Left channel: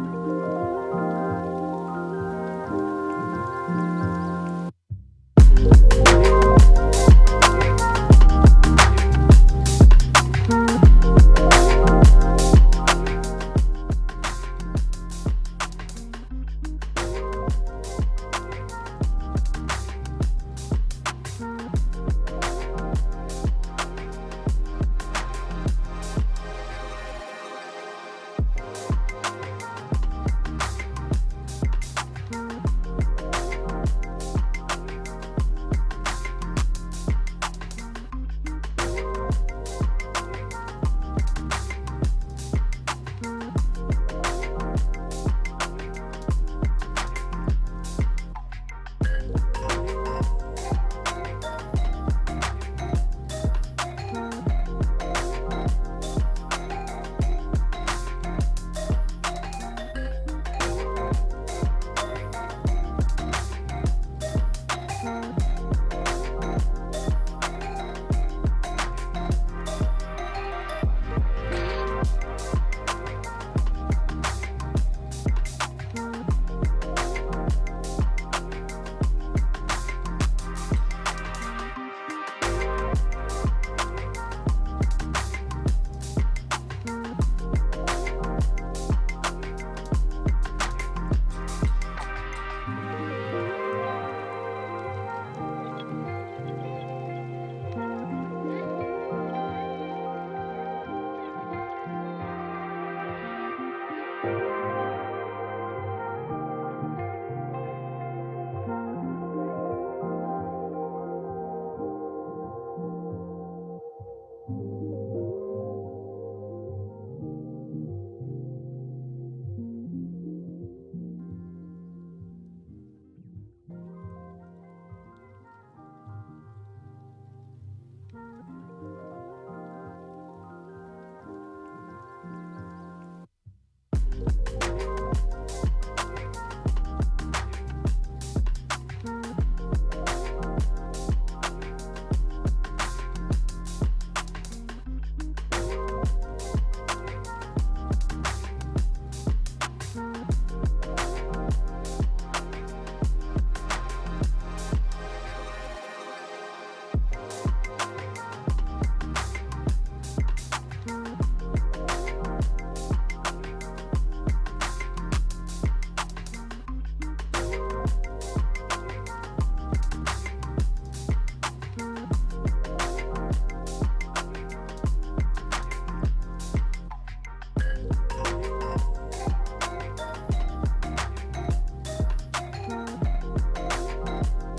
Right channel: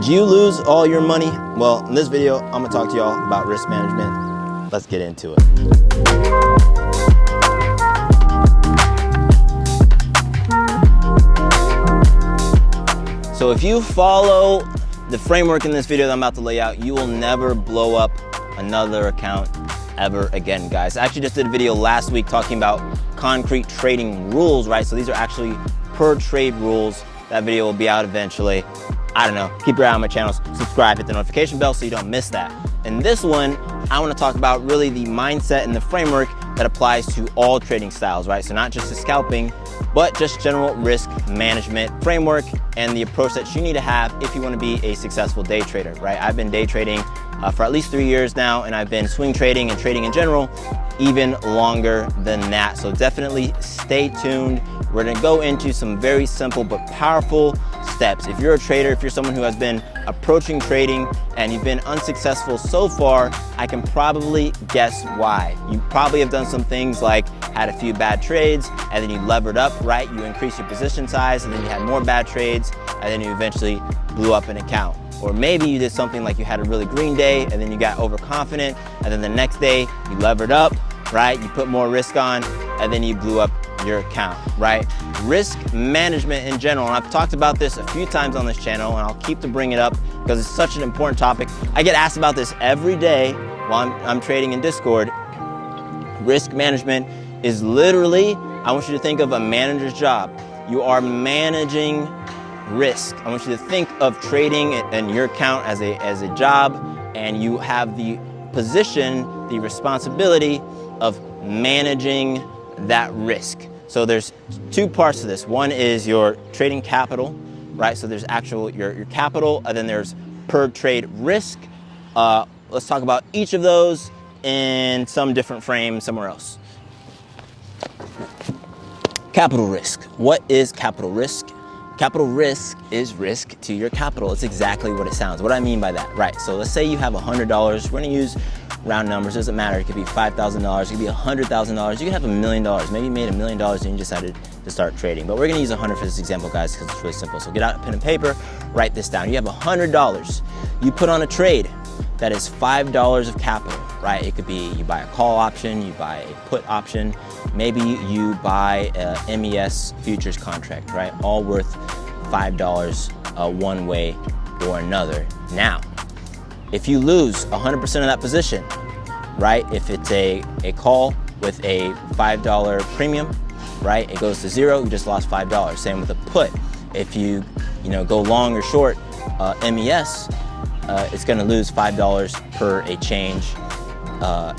Did you lose all your money? Well, in this video, I'm gonna talk to y'all about risk management. Let's get into it. So if you follow the framework in this video that I'm about to lay out, you will never blow up another account ever again, guys. I actually just did a video last week talking about concrete trading rules, right? So these are actually per trade rules. That video will be out eventually. I don't know, keep your eye on my channel, subscribe, hit the notification bell so you don't miss that. In this one, I want to talk about really the mindset and the framework that applies to all trading styles, right? So not just the scalping, but just general risk management framework and the approach that you need to have if you want to be a successful day trader, right? I've been day trading for at least 3 years now, and I've been swing trading and trading in general even longer than that. So definitely stay tuned. We're gonna go into some very simple but powerful steps. If you're a trader, if you're someone who has been approaching trading and you've been unsuccessful so far, I can probably guess why. You probably have done some things like had a few bad trades and then you levered up, right? You increased your position size and then you had more bad trades and then you eventually blew up an account. Or maybe you did something like you had a really green day and then you got overconfident and then the next day you levered up, right? You put more risk on and then you blew up your account, right? Risk management in general, and I've talked about this a few times on this channel and I'll keep to bring it up because it's such an important topic. I get asked about this every day while I'm trading in Discord. Risk management is literally, I want you to think of a manager's job. You are managing risk. I want you to think of trading and your account as a job, and you have the position, the responsibility of managing that risk. So there's two parts to this. One is your trading capital, right? So there's actual your capital, and then there's per trade risk. Let's talk about each of those in some different frame somewhere else. Capital risk. What is capital risk? Capital risk is risk to your capital. It's exactly what it sounds. What do I mean by that? Right, so let's say you have $100. We're gonna use round numbers, doesn't matter. It could be $5,000, it could be $100,000. You could have $1 million. Maybe you made $1 million and you decided to start trading. But we're gonna use 100 for this example, guys, because it's really simple. So get out a pen and paper, write this down. You have $100. You put on a trade that is $5 of capital, right? It could be you buy a call option, you buy a put option, maybe you buy a MES futures contract, right? All worth $5 one way or another. Now, if you lose 100% of that position, right? If it's a call with a $5 premium, right? It goes to zero, you just lost $5. Same with a put. If you go long or short MES, it's gonna lose $5 per a change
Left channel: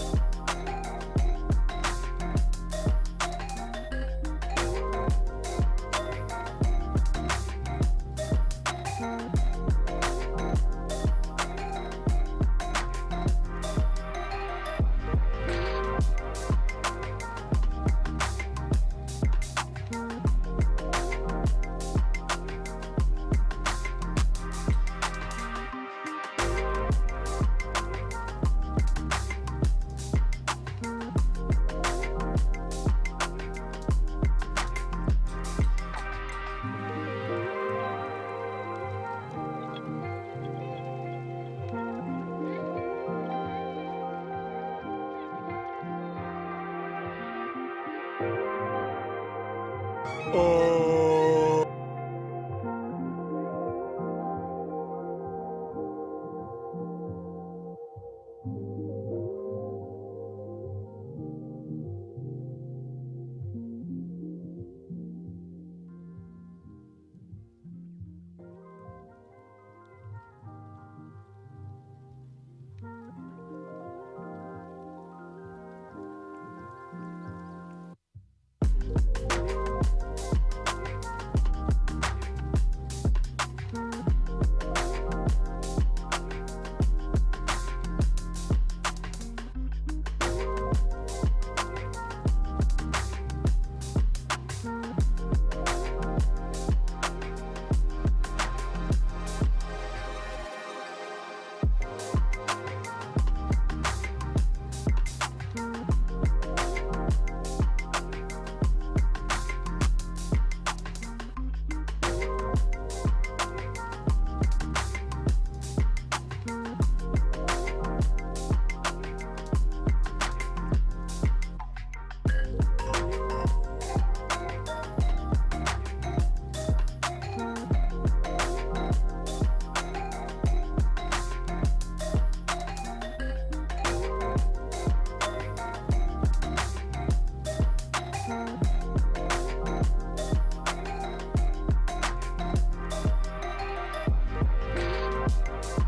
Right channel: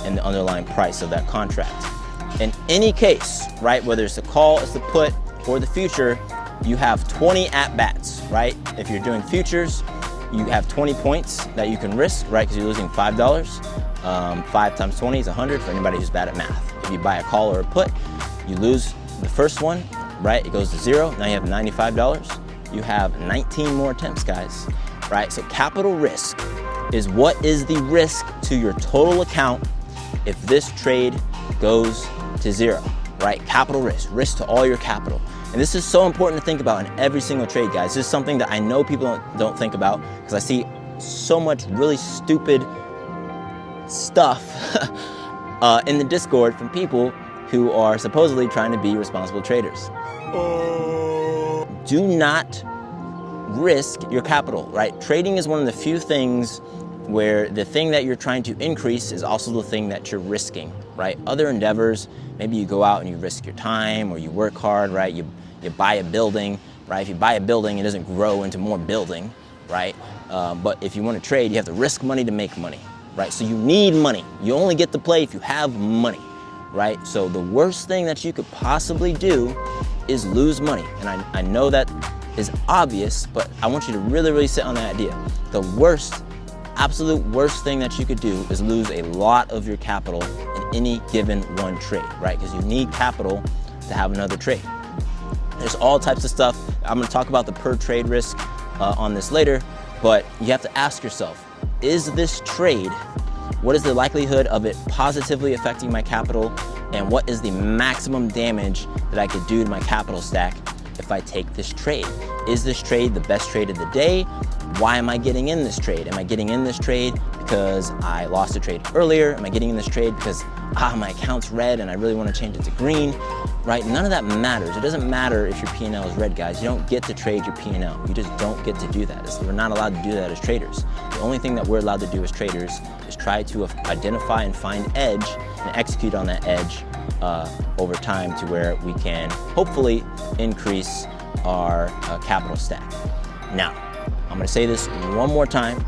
in the underlying price of that contract. In any case, right, whether it's the call, it's the put, or the future, you have 20 at-bats, right? If you're doing futures, you have 20 points that you can risk, right? Because you're losing $5. 5 times 20 is 100 for anybody who's bad at math. If you buy a call or a put, you lose the first one, right? It goes to zero. Now you have $95. You have 19 more attempts, guys, right? So capital risk is what is the risk to your total account if this trade goes to zero, right? Capital risk to all your capital. And this is so important to think about in every single trade, guys. This is something that I know people don't think about because I see so much really stupid stuff in the Discord from people who are supposedly trying to be responsible traders. Do not risk your capital, right? Trading is one of the few things where the thing that you're trying to increase is also the thing that you're risking, right? Other endeavors, maybe you go out and you risk your time or you work hard, right? You buy a building, right? If you buy a building, it doesn't grow into more building, right? But if you want to trade, you have to risk money to make money, right? So you need money. You only get to play if you have money, right? So the worst thing that you could possibly do is lose money. And I know that is obvious, but I want you to really, really sit on that idea. The absolute worst thing that you could do is lose a lot of your capital in any given one trade, right? Because you need capital to have another trade. There's all types of stuff. I'm gonna talk about the per trade risk on this later, but you have to ask yourself, is this trade, what is the likelihood of it positively affecting my capital, and what is the maximum damage that I could do to my capital stack if if I take this trade? Is this trade the best trade of the day? Why am I getting in this trade? Am I getting in this trade because I lost a trade earlier? Am I getting in this trade because my account's red and I really want to change it to green, right? None of that matters. It doesn't matter if your P&L is red, guys. You don't get to trade your P&L. You just don't get to do that. We're not allowed to do that as traders. The only thing that we're allowed to do as traders is try to identify and find edge and execute on that edge over time to where we can hopefully increase our capital stack. Now, I'm gonna say this one more time,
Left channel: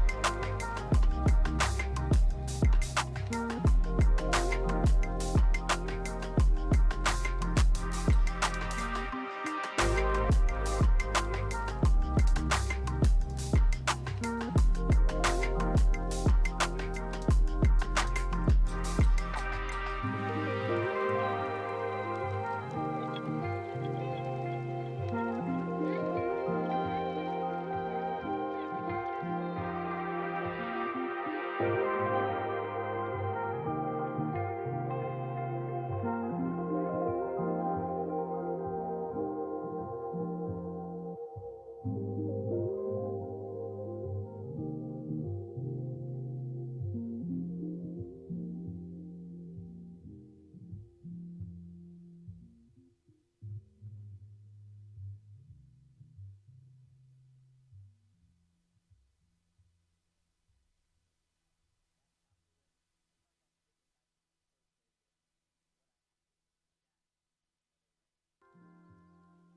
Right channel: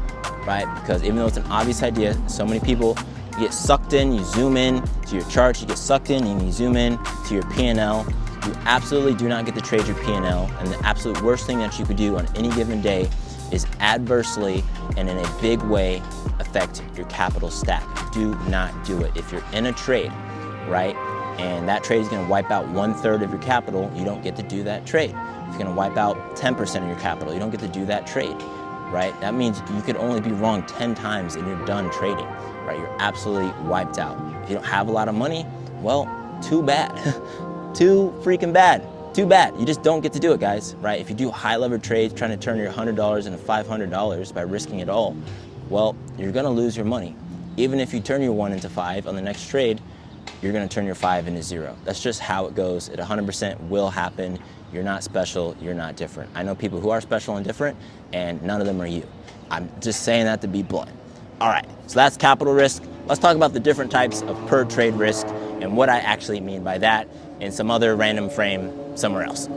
right? Because even though it's an obvious idea, so many people get sucked in, you zoom in to your charts, you get sucked in and you zoom in to your P&L. You absolutely do not get to trade your P&L, and the absolute worst thing that you could do on any given day is adversely and in a big way affect your capital stack. Do not do it. If you're in a trade, right, and that trade is gonna wipe out 1/3 of your capital, you don't get to do that trade. If you're gonna wipe out 10% of your capital, you don't get to do that trade, right? That means you could only be wrong 10 times and you're done trading, right? You're absolutely wiped out. If you don't have a lot of money, well, too bad. Too freaking bad. Too bad. You just don't get to do it, guys, right? If you do high levered trades trying to turn your $100 into $500 by risking it all, well, you're gonna lose your money. Even if you turn your 1 into 5 on the next trade, you're gonna turn your 5 into 0. That's just how it goes. It 100% will happen. You're not special, you're not different. I know people who are special and different, and none of them are you. I'm just saying that to be blunt. All right, so that's capital risk. Let's talk about the different types of per trade risk and what I actually mean by that in some other random frame somewhere else.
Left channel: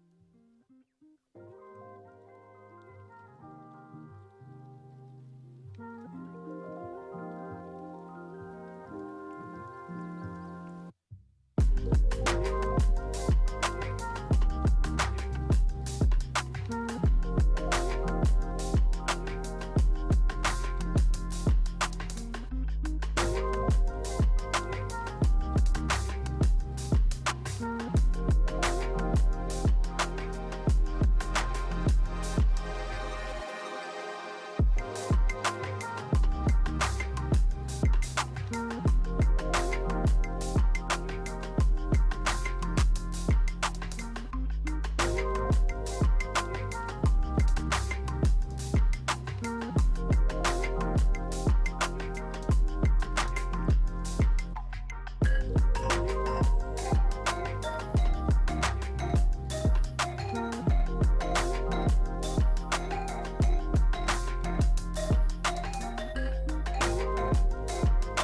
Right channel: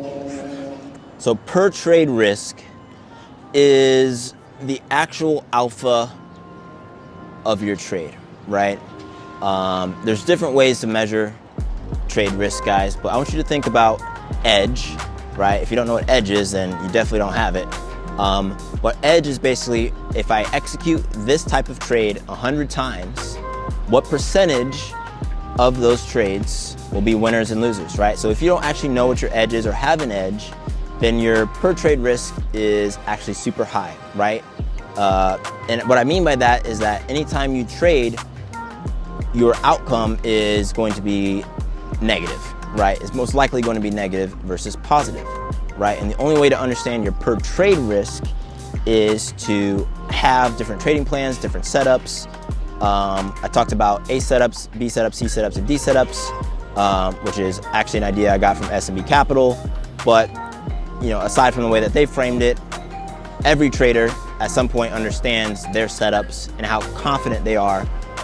So per trade risk is the actual alpha of your trade, right? There's different ways to measure trade risk, guys, but I want you to think about edge, right? If you don't know what edge is, then you definitely don't have it. But edge is basically, if I execute this type of trade 100 times, what percentage of those trades will be winners and losers, right? So if you don't actually know what your edge is or have an edge, then your per trade risk is actually super high, right? And what I mean by that is that anytime you trade, your outcome is going to be negative, right? It's most likely going to be negative versus positive, right? And the only way to understand your per trade risk is to have different trading plans, different setups. I talked about A setups, B setups, C setups, and D setups, which is actually an idea I got from S&B Capital. But you know, aside from the way that they framed it, every trader at some point understands their setups and how confident they are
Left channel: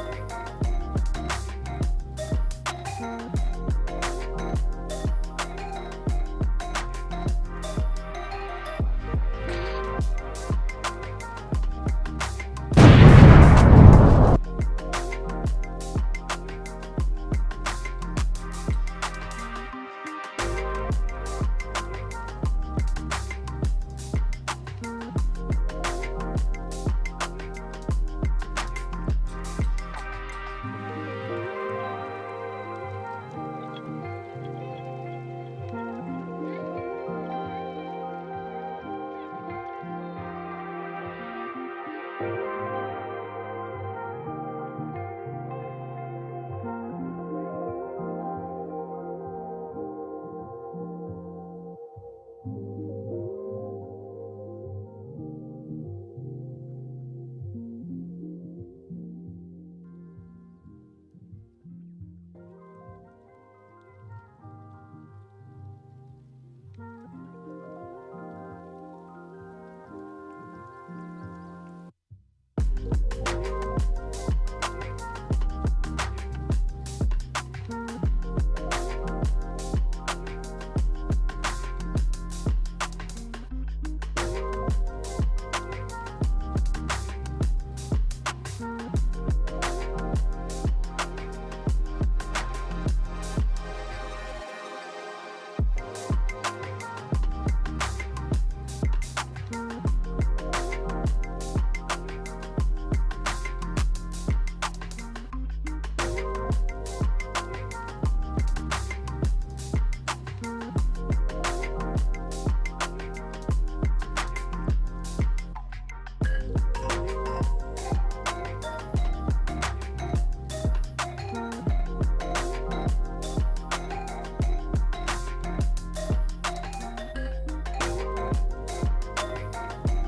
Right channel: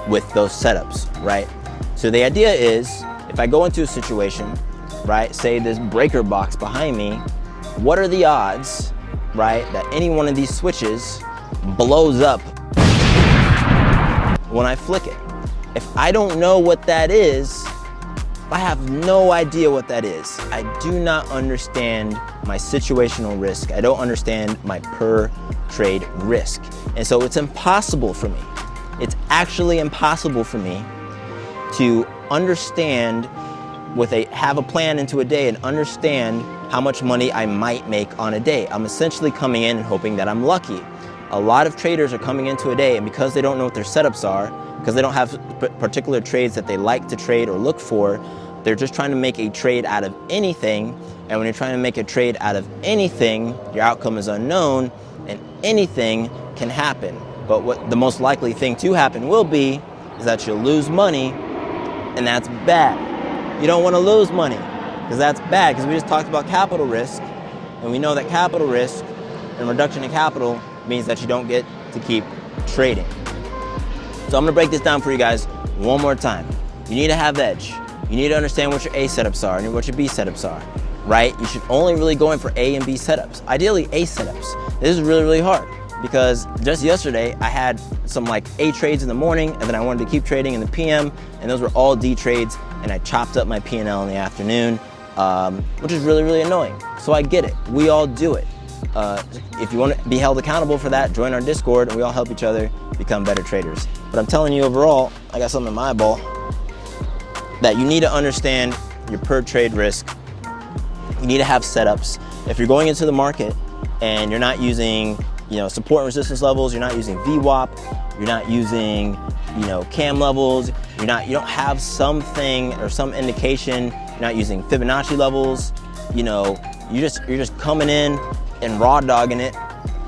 with those setups, right? So the idea is, if I go into a situation, right, say this breaker box behind me, what are the odds, right, that any one of these switches blows up when I flick it? If I don't know what that is, I have no idea what that is. I do not understand my situational risk. I don't understand my per trade risk. And so it's impossible for me. It's actually impossible for me to understand have a plan into a day and understand how much money I might make on a day. I'm essentially coming in and hoping that I'm lucky. A lot of traders are coming into a day, and because they don't know what their setups are, because they don't have particular trades that they like to trade or look for, they're just trying to make a trade out of anything. And when you're trying to make a trade out of anything, your outcome is unknown and anything can happen. But what the most likely thing to happen will be is that you'll lose money, and that's bad. You don't want to lose money because that's bad, because we just talked about capital risk, and we know that capital risk and reduction in capital means that you don't get to keep trading. So I'm gonna break this down for you guys one more time. You need to have edge. You need to understand what your A setups are and what your B setups are, right? You should only really go in for A and B setups. Ideally, A setups. This is really, really hard because just yesterday I had some like A trades in the morning, and then I wanted to keep trading in the PM, and those were all D trades, and I chopped up my P&L in the afternoon, which is really, really annoying. So I get it. We all do it. If you want to be held accountable for that, join our Discord, and we all help each other become better traders. But I'm telling you overall, I got something in my eyeball, that you need to understand your per trade risk. You need to have setups. If you're going into the market and you're not using, support and resistance levels, you're not using VWAP, you're not using, cam levels, you don't have something or some indication, you're not using Fibonacci levels, You're just coming in and raw dogging it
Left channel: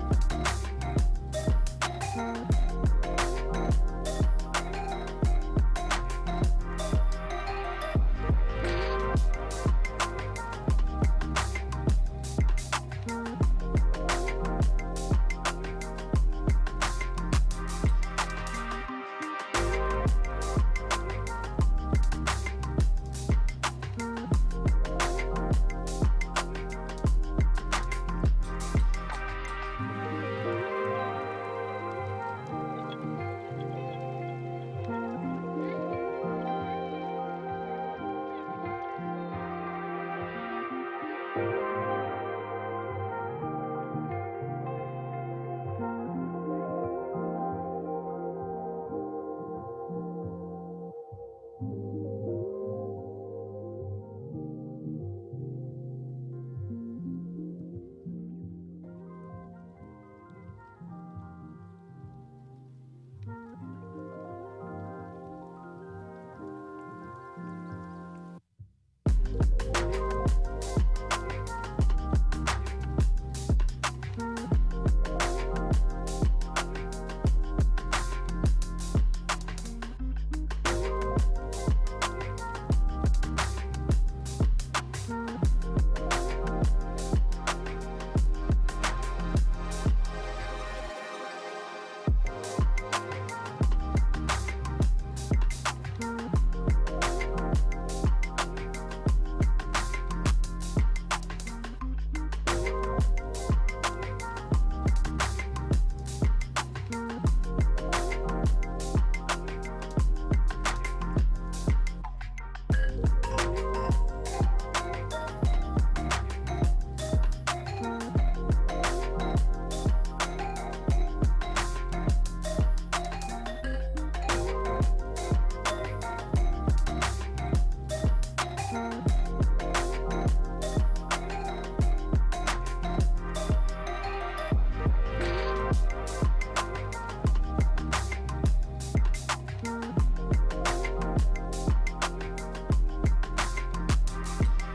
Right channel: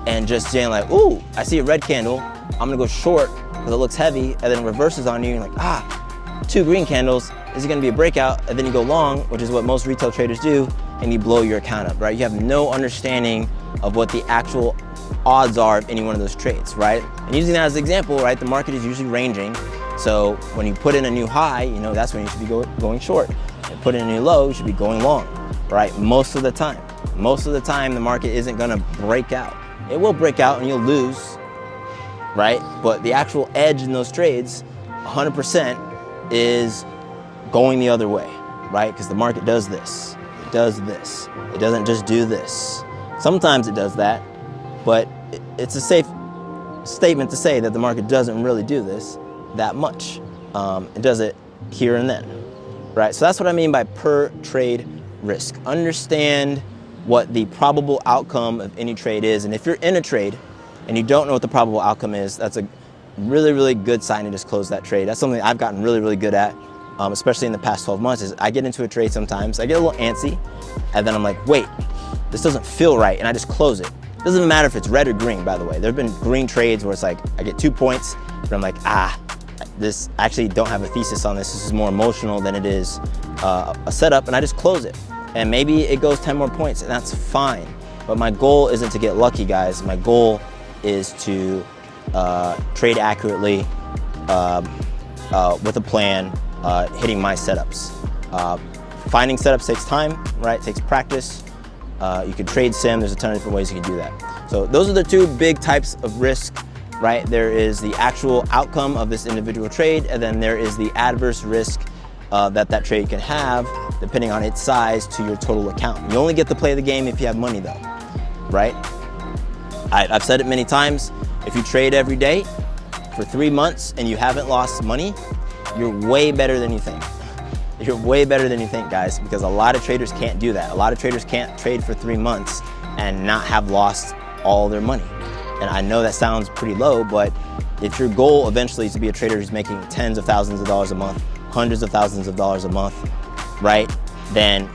and just saying like, ooh, I see a red candle, I'm gonna go short because it looks heavy, and then it reverses on you, and you're like, ah, 2 green candles, is it gonna be a breakout? And then you go long, which is what most retail traders do, and you blow your account up, right? You have no understanding of what the actual odds are of any one of those trades, right? And using that as an example, right, the market is usually ranging. So when you put in a new high, you know, that's when you should be going short. And put in a new low, you should be going long, right? Most of the time. Most of the time, the market isn't gonna break out. It will break out and you'll lose, right? But the actual edge in those trades, 100% is going the other way, right? Because the market does this, it does this. It doesn't just do this. Sometimes it does that, but it's a safe statement to say that the market doesn't really do this that much. It does it here and then, right? So that's what I mean by per trade risk. Understand what the probable outcome of any trade is. And if you're in a trade and you don't know what the probable outcome is, that's a really, really good sign to just close that trade. That's something I've gotten really, really good at, especially in the past 12 months, is I get into a trade sometimes, I get a little antsy, and then I'm like, wait, this doesn't feel right, and I just close it. It doesn't matter if it's red or green, by the way. There have been green trades where it's like, I get 2 points, but I'm like, this actually don't have a thesis on this. This is more emotional than it is a setup, and I just close it. And maybe it goes 10 more points, and that's fine. But my goal isn't to get lucky, guys. My goal is to trade accurately with a plan, hitting my setups. Finding setups takes time, right? It takes practice. You can trade sim. There's a ton of different ways you can do that. So those are the 2 big types of risk, right? There is the actual outcome of this individual trade, and then there is the adverse risk that trade can have, depending on its size, to your total account. You only get to play the game if you have money, though, right? I've said it many times. If you trade every day for 3 months and you haven't lost money, you're way better than you think. You're way better than you think, guys, because a lot of traders can't do that. A lot of traders can't trade for 3 months and not have lost all their money. And I know that sounds pretty low, but if your goal eventually is to be a trader who's making tens of thousands of dollars a month, hundreds of thousands of dollars a month, right? Then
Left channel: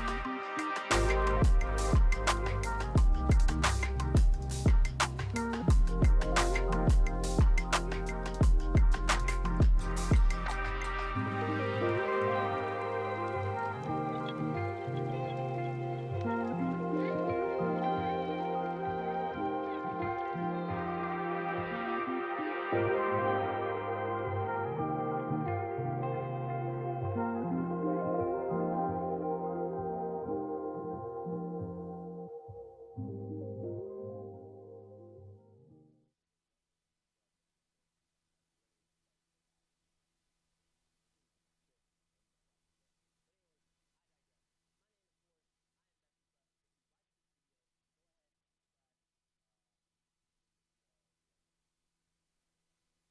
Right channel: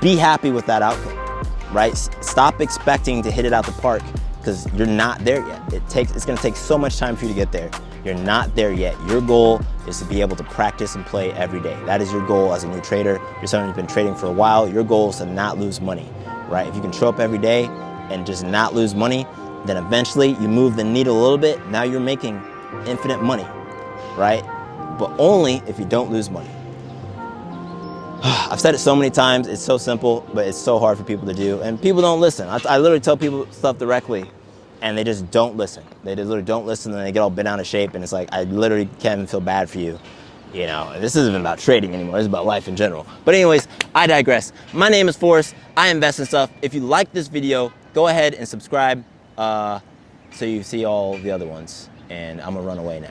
be happy with that outcome, right? Stop expecting to hit it out the park, because you're not there yet. It's gonna take so much time for you to get there. You're not there yet. Your goal is to be able to practice and play every day. That is your goal as a new trader. You're someone who's been trading for a while. Your goal is to not lose money, right? If you can show up every day and just not lose money, then eventually you move the needle a little bit. Now you're making infinite money, right? But only if you don't lose money. I've said it so many times, it's so simple, but it's so hard for people to do. And people don't listen. I literally tell people stuff directly, and they just don't listen. They just literally don't listen, and they get all bent out of shape, and it's like, I literally can't even feel bad for you. You know, this isn't about trading anymore, it's about life in general. But anyways, I digress. My name is Forrest, I invest in stuff. If you like this video, go ahead and subscribe so you see all the other ones, and I'm gonna run away now.